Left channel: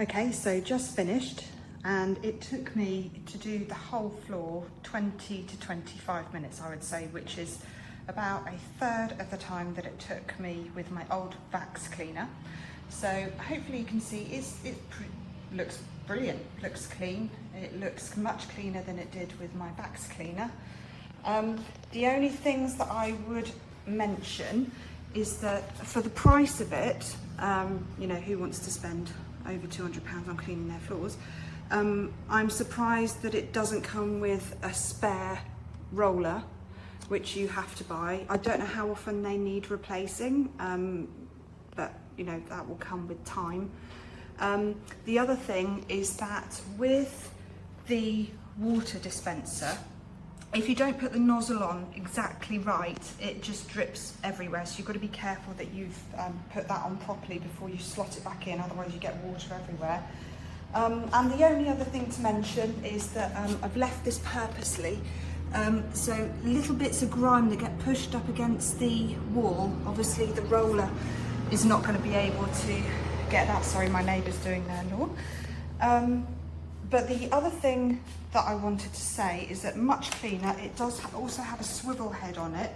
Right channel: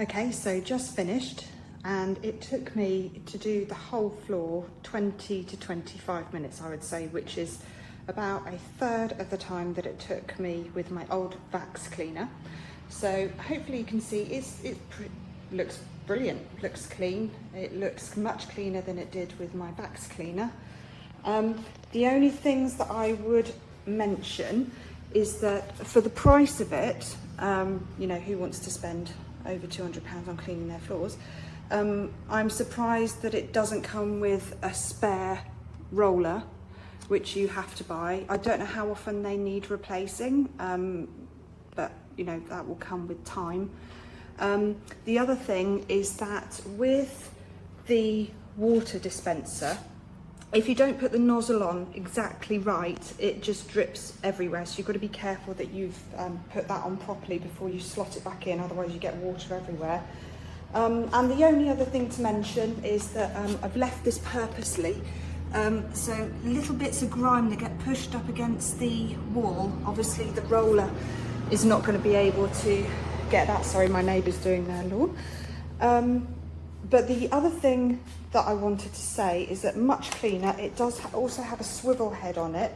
Okay, so just finished, and it took me to do the whole floor 20 to 25 minutes, I would say, which is about a third of the time that it took me with my old wax cleaner. So hopefully you can see it looks brilliant, looks clean. It looks much cleaner than it did with my wax cleaner. The only things that I would mention is that for the price of it, you know, who wants to spend over £200 on cleaning their floors? I'm surprised that it doesn't come with a spare roller, which you have to buy. I don't know how often they need replacing, but you know, that will come with time. The other thing is that with the water dispenser, if you don't put the nozzle on exactly right, it just drips everywhere. So you've got to be careful that you've put that on properly before you slot it back in, otherwise you get water everywhere. And the only other thing to mention is that I've left this purposely, so little bits of grime that get pushed up against the wall, obviously the roller is not going to be able to get that. Sorry, my neighbour's doing their lawn. But the other thing that I wanted to say is that much cleaner, it does also have a swivel head on it,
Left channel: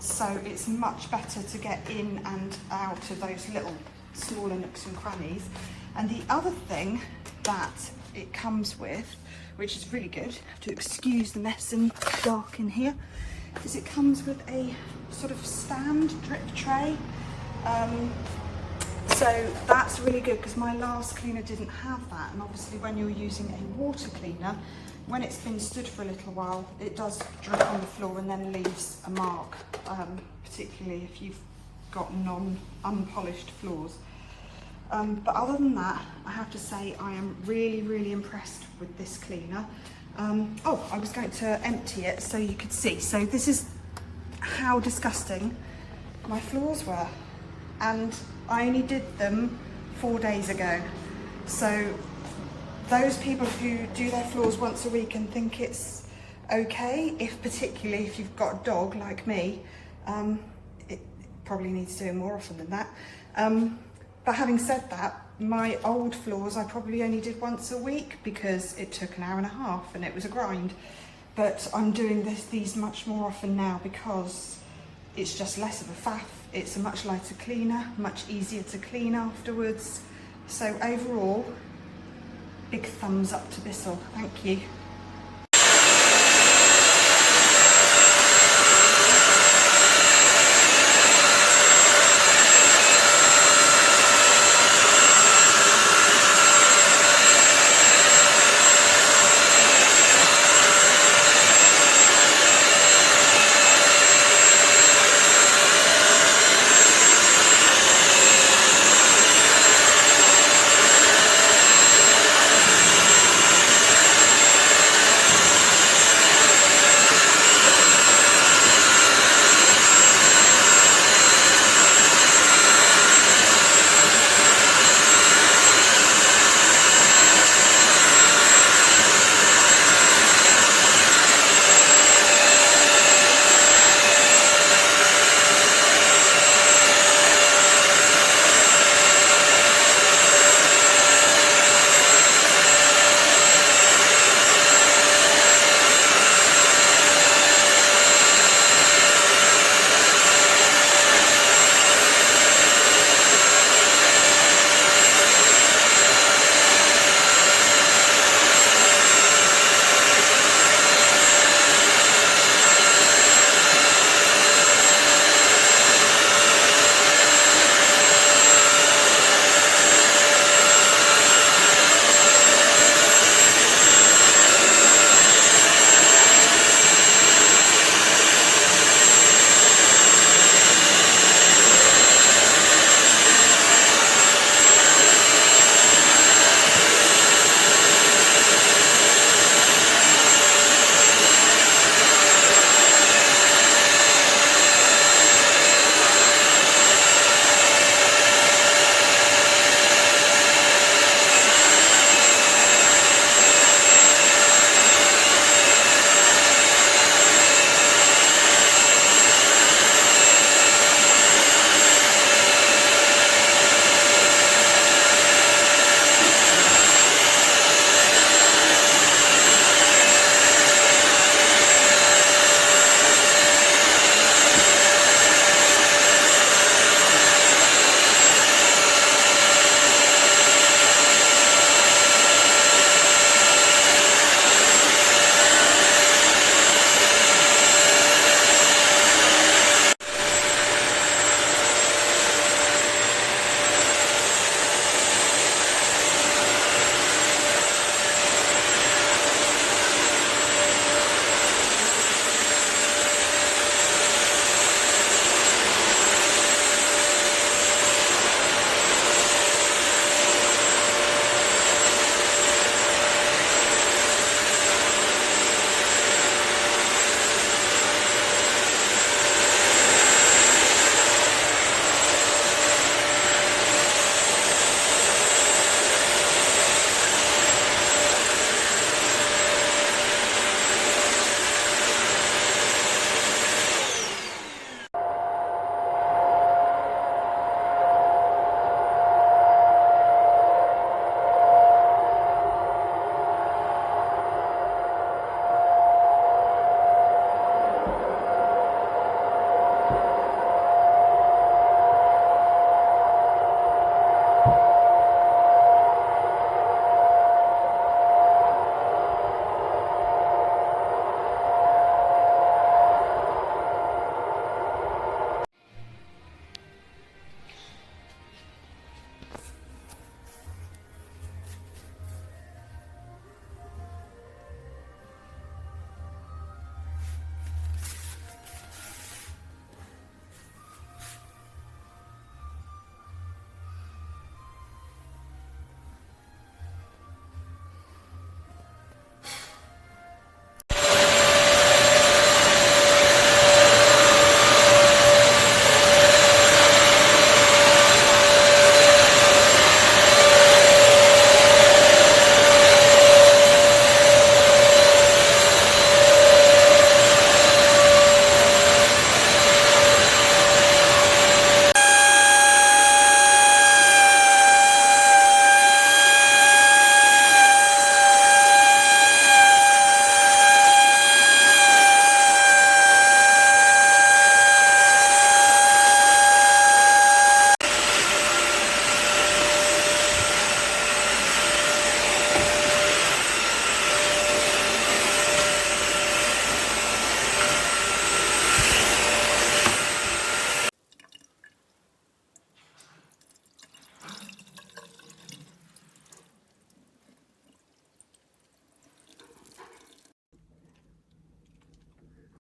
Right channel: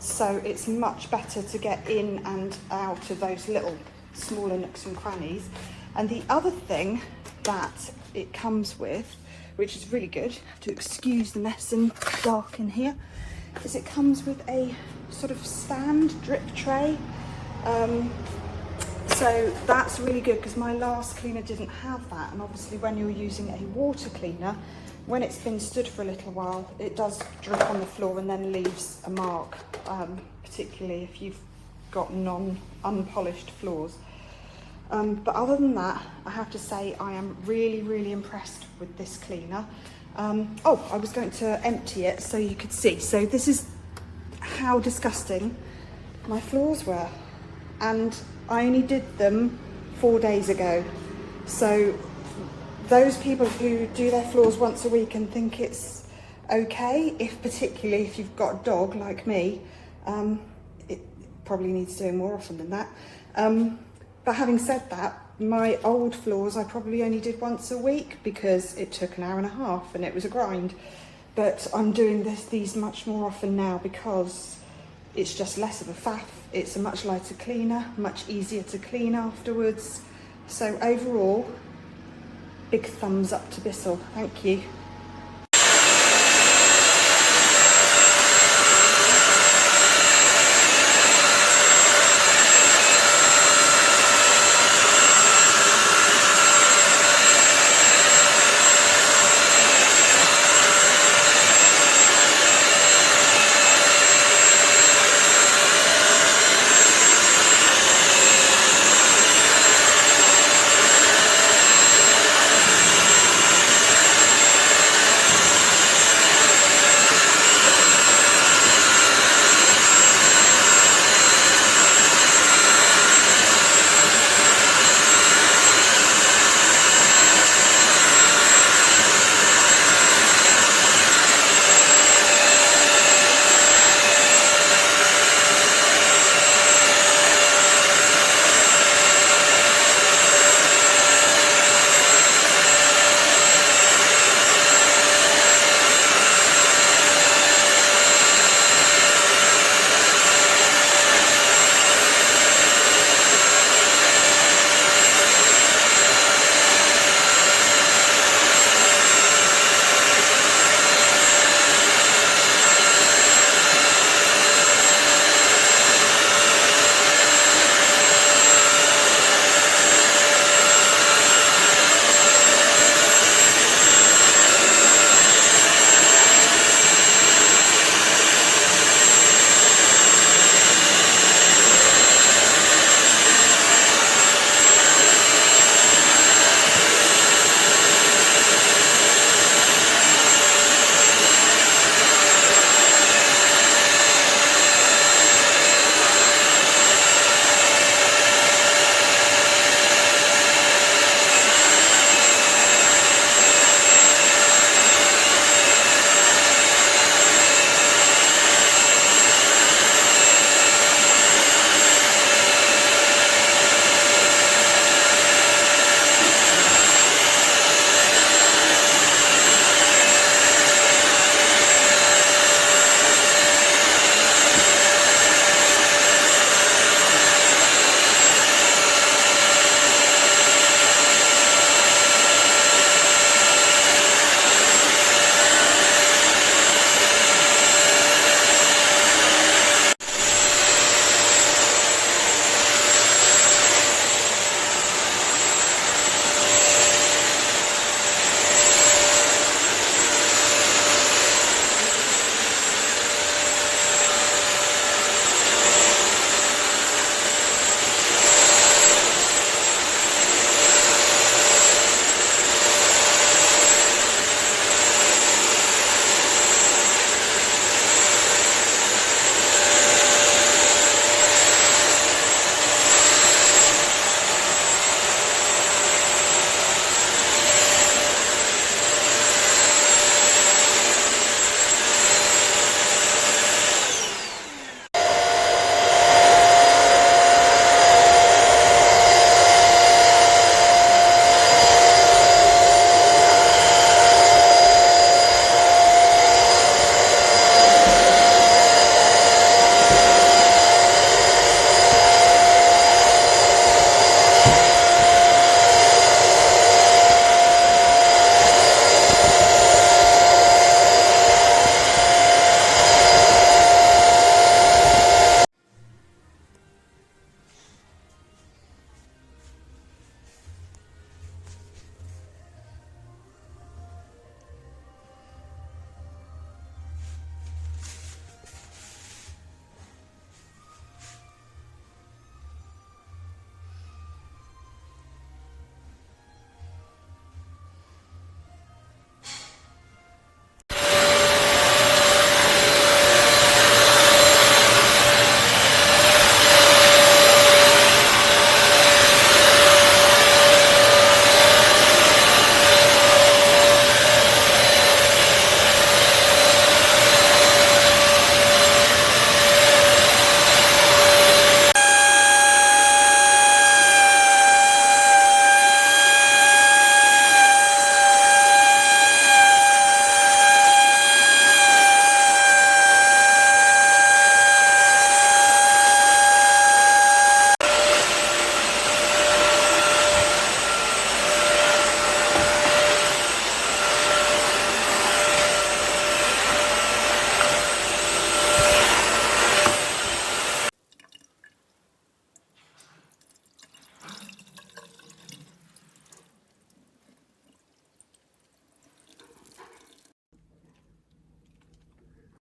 so it's much better to get in and out of those little smaller nooks and crannies. And the other thing that it comes with, which is really good, to excuse the mess and dark in here, is it comes with a sort of stand drip tray. So that's really good, because my last cleaner didn't have that, and obviously when you're using a water cleaner, when it's been stood for a little while, it does drip on the floor and then leaves a mark, particularly if you've got unpolished floors. But other than that, I have to say I am really impressed with this cleaner. Oh, I was going to empty it so you could see. So this is how disgusting my floors were, and I only did them 4 days ago. So those people who do their floors once a week and think it's okay, particularly if you've got a dog like me, it probably needs doing more often than that. But having said that, my old floors I probably only did once a week because it took an hour and a half and it was a grind. But I'm doing these much more often now because it's just less of a faff. It's a much lighter cleaner, much easier to clean afterwards. So overall, big thumbs up to Bissell. Thank you.